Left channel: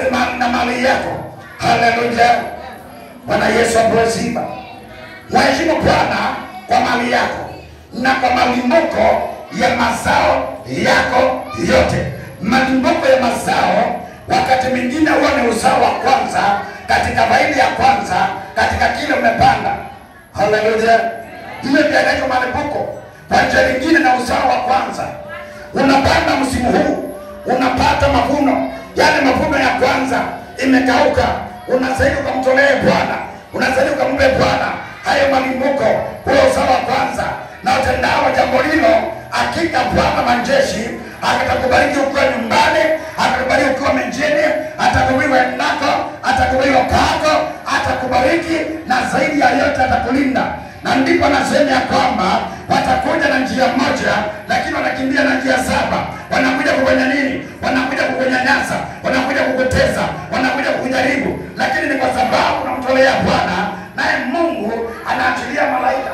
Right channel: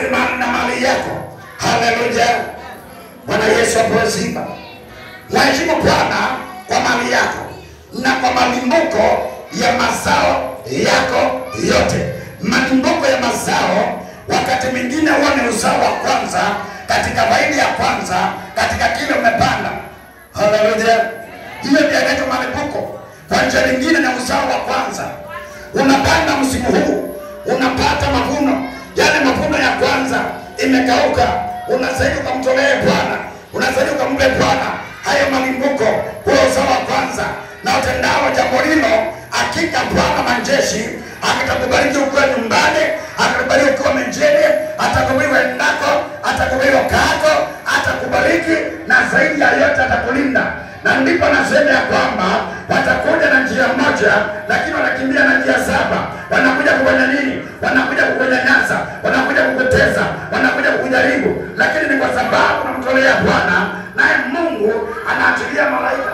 na mali yako. Haleluya. Bwana Yesu apewe. Mheshimu Bwana kwa mali yako na kwa malimbuko ya mazao yako yote. Malimbuko ya mazao wakati mwingine huwa ni uzao wa kwanza katika faida ya kwanza katika kile umepanda. Haleluya. Hiyo ndio inaitwa malimbuko. Kwa njia nyingine na uzao wa kwanza. Unapanda msimu huu, unapata mavuno. Yale mavuno ya kwanza imekauka, unastahili kumtolea Bwana. Unastahili kumpe Bwana hayo malimbuko kwa uzao wa kwanza. Na utendao jambo hilo, hakika Bwana majeshi atakubariki ukiwa nyumbani, atakubariki ukiwa mjini, atakubariki endako, atakubariki kako, atakubariki na zaidi ya yote atakulinda. Na ndipo nasema ya kwamba watakuja na njia moja lakini wanakimbia na njia saba. Wanakuja kufanya nini? Wanakuja kukunyanyasa, wanakuja kukutesa, wanakuja kukujaribu, lakini ni kwa sababu unamtolea Bwana, naye Mungu anaachilia malaika.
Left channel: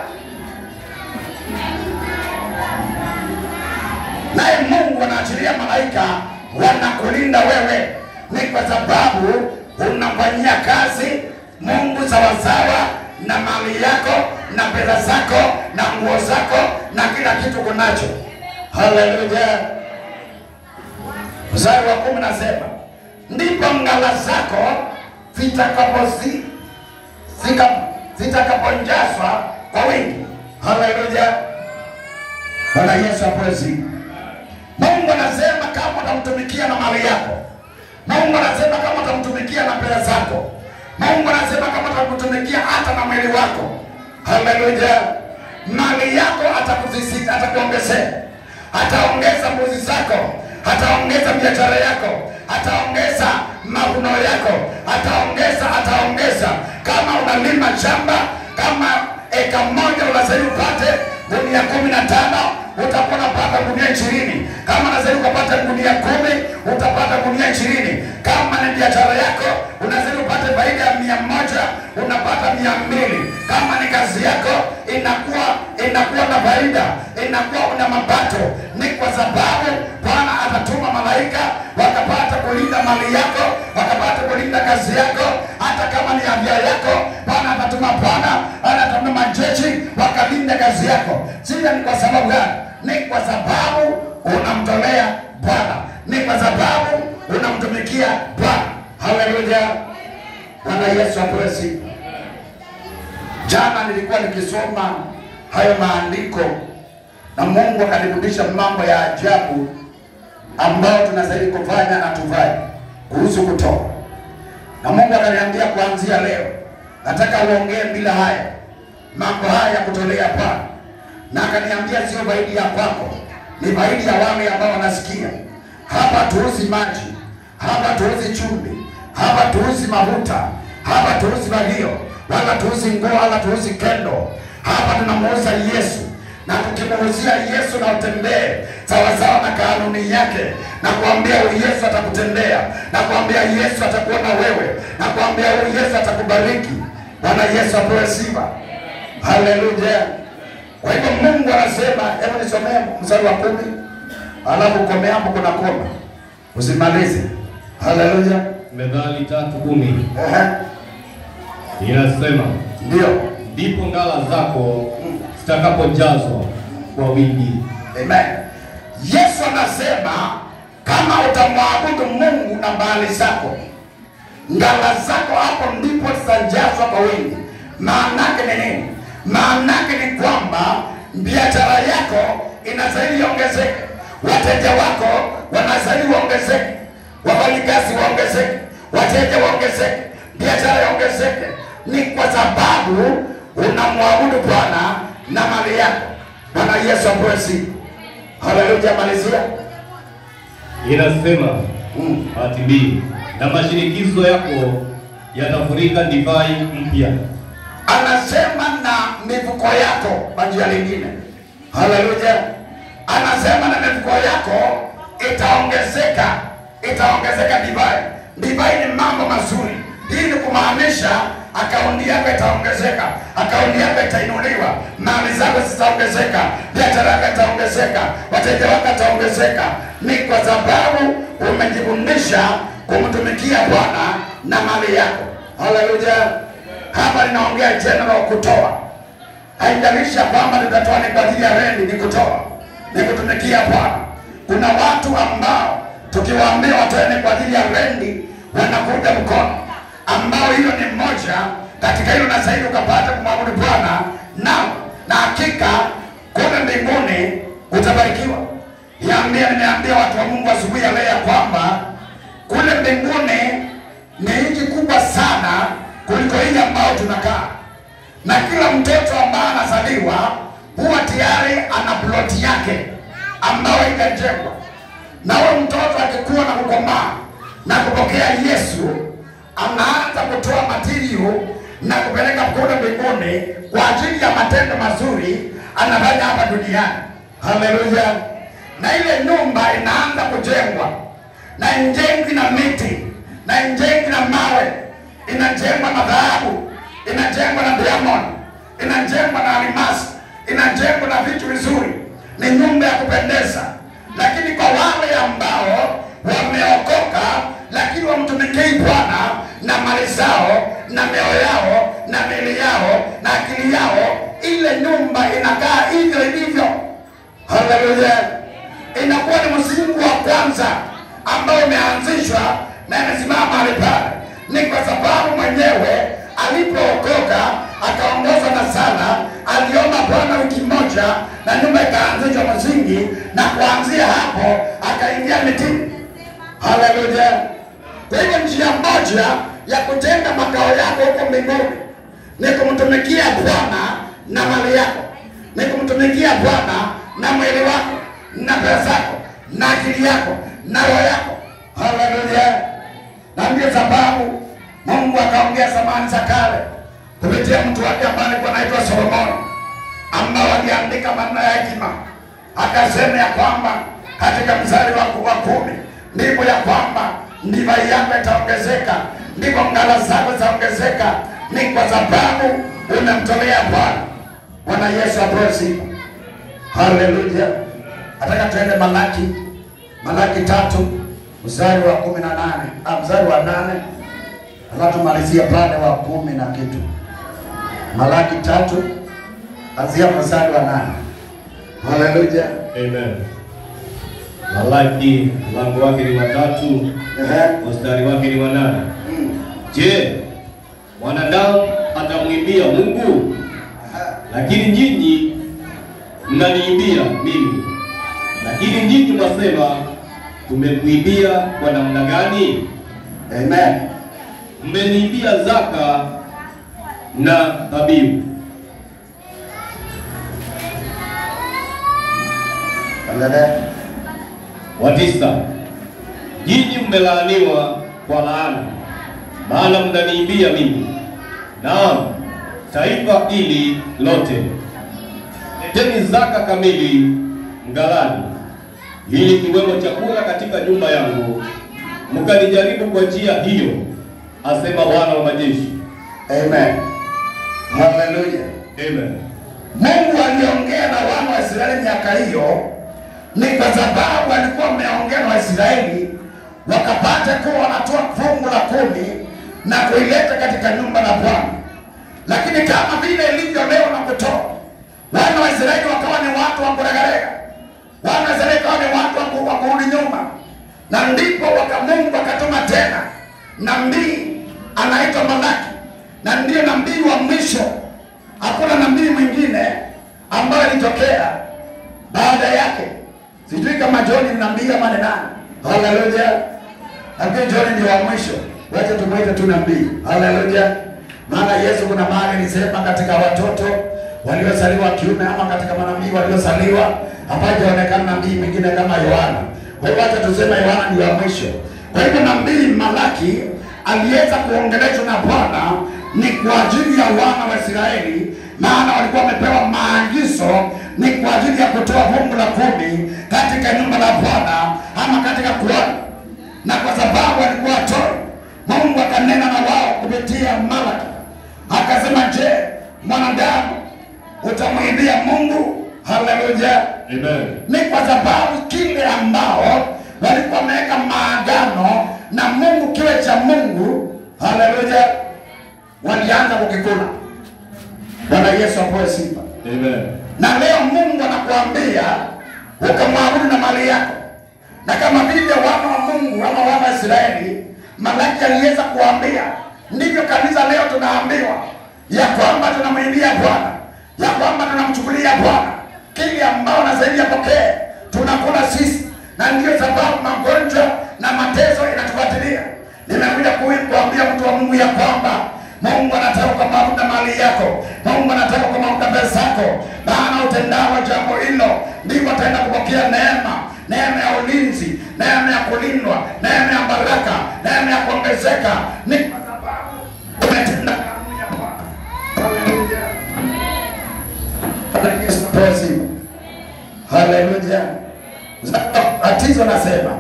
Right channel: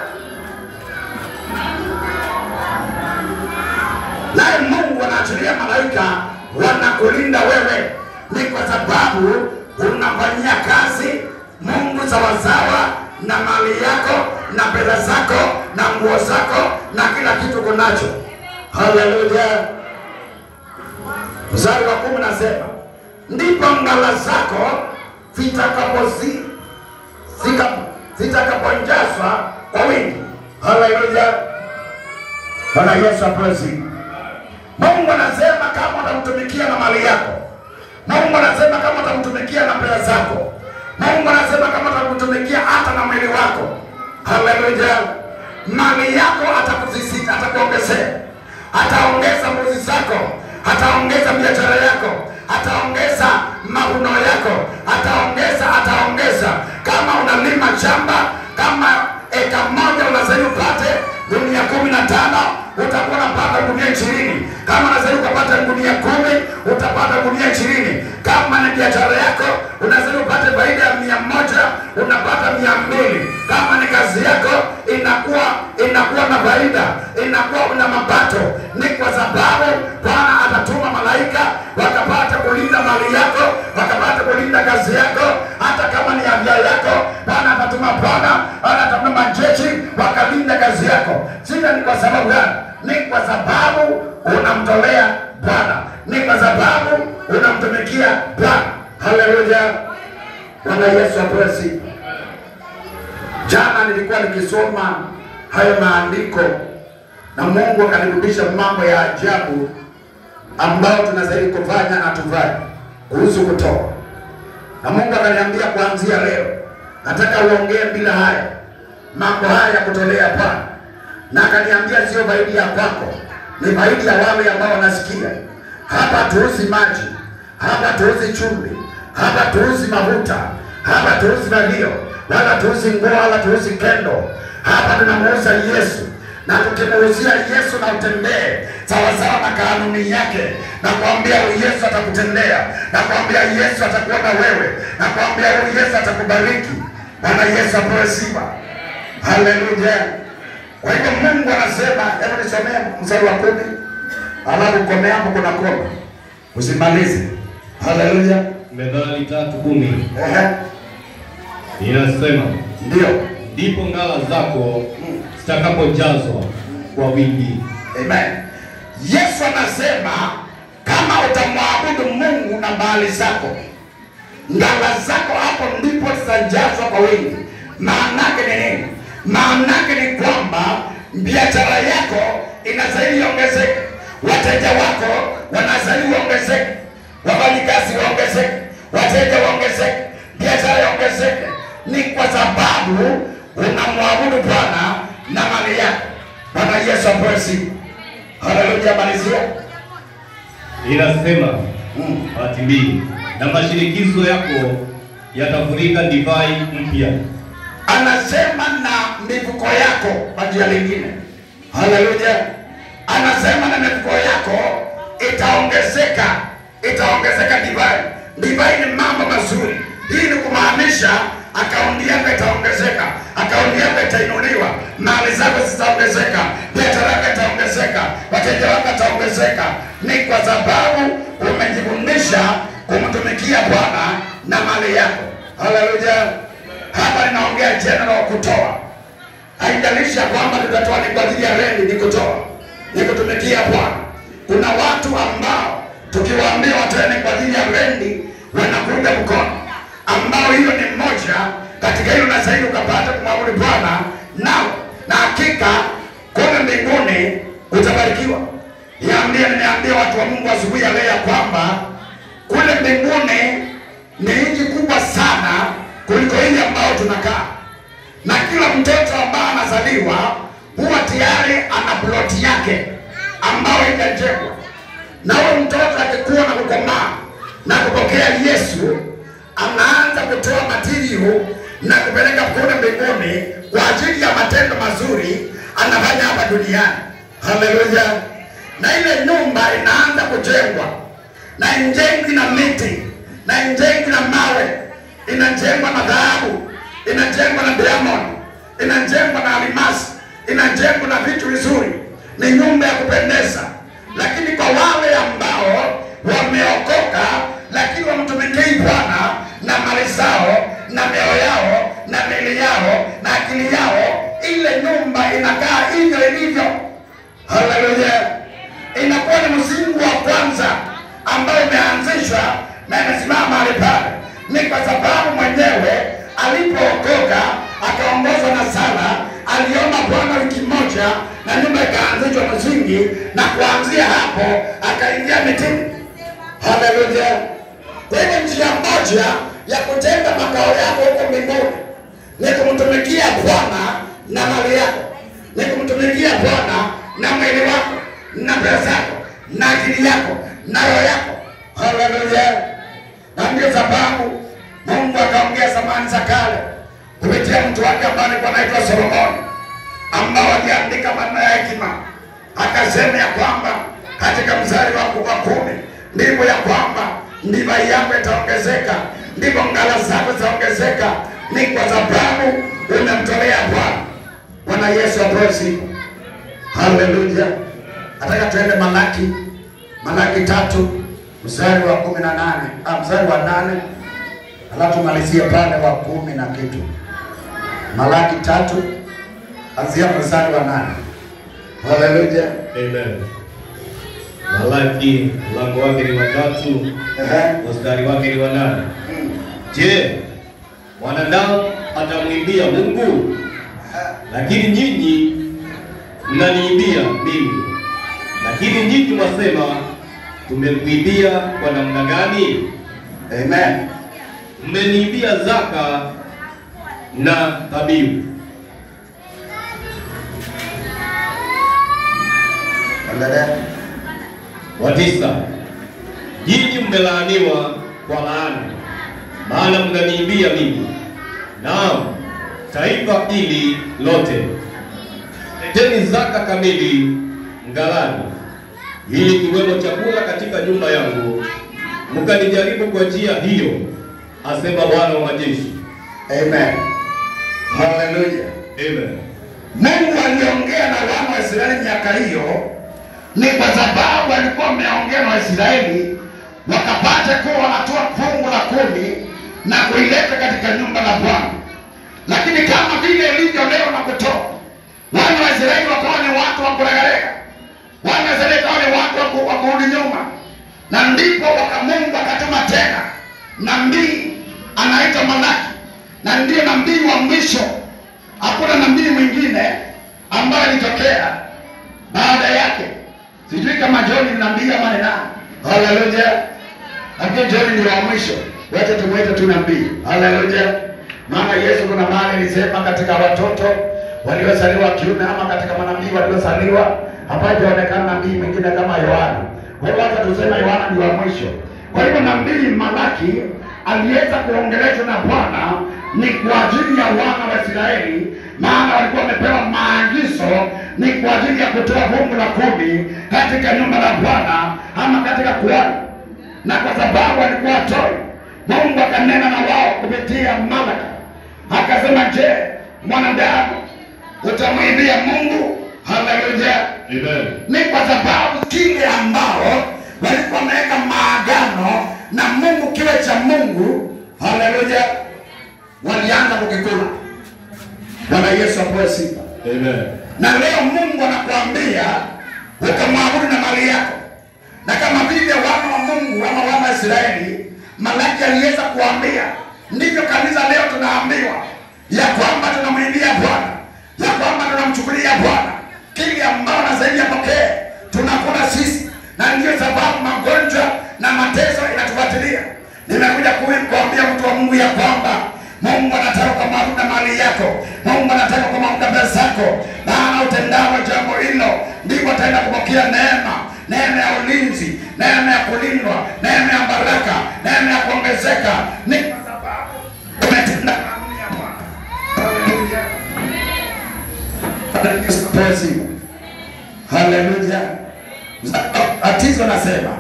Naye Mungu anaachilia malaika wanakulinda wewe. Ni kwa sababu unafanyia kazi Mungu sawasawa na mali yako na pesa zako na nguo zako na kila kitu kunacho. Haleluya. Mstari wa 10 nasema, ndipo ngala zako zitakaponjazwa kwa wingi. Haleluya. Bwana Yesu apewe. Mungu anasema kama utamtumikia na mali yako. Mungu anasema kama utamtumikia na pesa zako. Mungu anasema kama utamtumikia hata na mwili wako. Haleluya. Mali yako atakuzisika, atakuongezea. Ataongeza mbuzi zako, ataongeza biashara yako, ataongeza mavuno yako, ataongeza. Kama unalima shamba, kama eka moja unastahili upate gunia 15, utakuwa unapata gunia 20. Kama unastahili kupata gunia 10, utapata gunia 20. Kama ni biashara yako, unastahili upate faida ya 100, unapata 200. Kama ni kazi yako, inakuwa na faida, inakuwa na mapato. Ni kwa sababu Bwana atatuma malaika wakapata kulinda mali yako, wakapata kulinda kazi yako. Hata kama ni afya yako, Bwana atatuma majeshi wakalinda kazi yako. Sasa ni kwa sababu gani? Ni kwa sababu unamtolea Bwana, ni kwa sababu unamtumikia Bwana. Haleluya. Bwana Yesu apewe. Jana nilikuwa nikisoma hayo maandiko na Mungu akanirudisha mambo ya ajabu ambao tunastahili kufanya na tufanye kuhusu kutoa. Na Mungu akaniambia kuanzia leo nataka uongee bila haya mambo haya ya kutolea Bwana. Na akaniambia sio faida ya kwako, ni faida ya wale ambao wanasikia. Hapa tuuzi maji, hapa tuuzi chumvi, hapa tuuzi mafuta, hapa tuuzi valio, wala tuuzi nguo, wala tuuzi kendo. Hapa tunamuuza Yesu. Na tukimuuzia Yesu na utembee sawasawa na kanuni yake, na kuambia huyu Yesu atakutendea, na kuambia Yesu atakuona wewe, na kuambia huyu Yesu atakubariki. Bwana Yesu apewe sifa. Haleluya. Kwa hivyo Mungu anasema, hebu nisomee mstari wa 10, alafu komea hapo kuna koma. Usimalize. Haleluya. Methali 3:10. Inasema, ndio, ndipo ngala zako zitakapojazwa kwa wingi. Amen. Yesu anasema kama utamwabudu Mungu na mali zako, ngala zako hapo ndipo zitajazwa kwa wingi. Maana yake ni nini? Maana yake ni kwamba biashara yako inastahili iongezeke, wateja wako wanastahili waongezeke, wafanyikazi waongezeke, wateja waongezeke, biashara iongezeke. Ni kwa sababu unamwabudu Bwana na mali yako. Bwana Yesu apewe. Haleluya. Malizia. Inasema hatimaye na mashinikizo yako yatafurika divai mpya. Anasema na mifuko yako kwa njia nyingine. Haleluya. Anasema na mifuko yako itaongezeka divai. Divai ni mambo mazuri. Hii ni kumaanisha akaunti yako itaongezeka, akaunti yako itainuliwa, mali zako zitaongezeka, biashara yako itaongezeka, wateja wako wataongezeka. Ni kwa sababu umejifundisha kumtumikia Bwana na mali yako. Haleluya. Hapa ninaongea general kutoa. Haijalishi kwamba tutatoa ni kwa ajili ya rendi, ni kutoa, ni kutumikia Bwana. Kuna watu ambao tukiwaambia watoe ni kwa ajili ya rendi wanakuja mkono, ambao hiyo ni mmoja katika hilo na zaidi ukapata kumwabudu Bwana nao, na hakika kule mbinguni utabarikiwa. Nimeambia watu wa Mungu asubuhi ya leo kwamba kule mbinguni ni nchi kubwa sana kuliko hii ambao tunakaa, na kila mtoto ambaye anazaliwa huwa tayari ana ploti yake ambayo inajengwa, na huyo mtoto akikuwa na kukomaa na kupokea Yesu, anaanza kutoa material na kupeleka kule mbinguni kwa ajili ya matendo mazuri anafanya hapa duniani. Haleluya. Na ile nyumba inaanza kujengwa, na injengwi na miti, na injengwi na mawe, inajengwa na dhahabu, inajengwa na diamond, inajengwa na almasi, inajengwa na vitu vizuri. Ni nyumba ya kupendeza. Lakini kwa wale ambao wameokoka lakini wamtumikia Bwana na mali zao na mioyo yao na mili yao na akili yao, ile nyumba inakaa hivyo ilivyo. Haleluya. Inakuwa ni msingi wa kwanza ambao umeanzishwa na imesimama mahali pale. Ni kwa sababu mwenyewe alipookoka akaongozwa na sala, aliomba Bwana wiki moja na nyumba ikaanzishwa msingi, na kuanzia hapo akaingia mitini. Haleluya. Kwenye njia moja ya kujenga makao yako huko mbinguni ni kumtumikia Bwana na mali yako, ni kumtumikia Bwana na mwili wako na pesa zako na akili yako na roho yako. Haleluya. Na ndio sababu Mungu akaongea zamani za kale kupitia mtu wake ambaye anaitwa Solomoni, ambao aliandika maneno ya hekima, akasema ya kwamba katika mstari wa 10 ndipo ya kwamba divai yako itaongezeka, ndipo ngala zako zitaongezeka, ni kwa sababu umemtolea Bwana. Bwana Yesu apewe sifa. Haleluya. Nataka tuende Malaki 3 mstari wa 18, mstari wa 8, alafu malizia pale wa 10 na kitu. Malaki 3 anzia mstari wa 8. Haleluya. Amen. Malaki mlango wake ni wa 3, mstari wake ni wa 8. Je, mwanadamu atamwimbia Mungu? Lakini nyinyi mnaniimbia mimi. Lakini nyinyi mwasema, tumekuibia kwa namna gani? Amen. Mmeniibia zaka na dhabihu. Angalia. Wa 9. Nyinyi mmelaaniwa kwa laana, maana mnaniibia mimi, naam, taifa hili lote. Leteni zaka kamili mghalani, ili kiwemo chakula katika nyumba yangu, mkanijaribu kwa njia hiyo, asema Bwana wa majeshi. Amen. Haleluya. Amen. Mungu aliongea na wana wa Israeli miaka hiyo ni kwa sababu alikuwa ameongea na Israeli wakapata kuwa wanatoa fungu la 10 na kuileta katika nyumba la Bwana. Lakini kama vile ilivyo leo na kutoa, wana wa Israeli wakawa ni watu wa kuregarega, wana wa Israeli wakawa ni watu wa kurudi nyuma, na ndipo Mungu akatuma tena nabii anaitwa Malaki, na ndiye nabii wa mwisho. Hakuna nabii mwingine ambaye alitokea baada yake. Sijui kama John ni nabii ama ni nani. Haleluya. Nabii John ni wa mwisho, wacha tumuite tu nabii. Haleluya. Maana Yesu kuna mahali alisema katika watoto waliozaliwa kiume ama katika manabii waliozaliwa hapajaonekana nabii mwingine kama Yohana. Kwa hiyo wacha tuseme Yohana ni wa mwisho. Kwa hivyo nabii Malaki aliweza kuongeleshwa na Bwana ni kwa ajili ya wana wa Israeli, maana walikuwa wamepewa maagizo ni kwa ajili ya kutoa fungu la 10 katika nyumba la Bwana ama katika kuhani. Na kwa sababu walikuwa toi, Mungu akanena na wao kupitia Malaki. Akasema, je, mwanadamu utamwimbia Mungu? Haleluya. Amen. Ni kwa sababu kile ambao walikuwa wameweka maagano na Mungu kiwe cha Mungu, haleluya, walianza kukikula. Bwana Yesu apewe sifa. Amen. Na leo Mungu anakuambia ukamwabudu na mali yako. Na kama vile wana wa Mungu ama wana wa Israeli, Malaki aliweza kuambia, ndivyo kanisa leo tunaambiwa ya kwamba tunamwimbia Bwana, ya kwamba tunamchukulia Bwana kile ambao anastahili apokee, tunakula sisi, na ndio sababu magonjwa na mateso inatufuatilia. Nimekuja kuambia mtu wa Mungu ya kwamba Mungu anataka kumwabudu na mali yako. Mungu anataka kumwabudu na pesa yako. Maana utendalo jambo hilo ndivyo ataenda kupokea neema. Neema ya ulinzi, neema ya kulindwa, neema ya baraka, neema ya kuongezeka. Ni kwa sababu umetenda kanuni ya Bwana. Haleluya. Haleluya. Atizo nasema,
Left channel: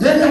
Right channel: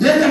yeye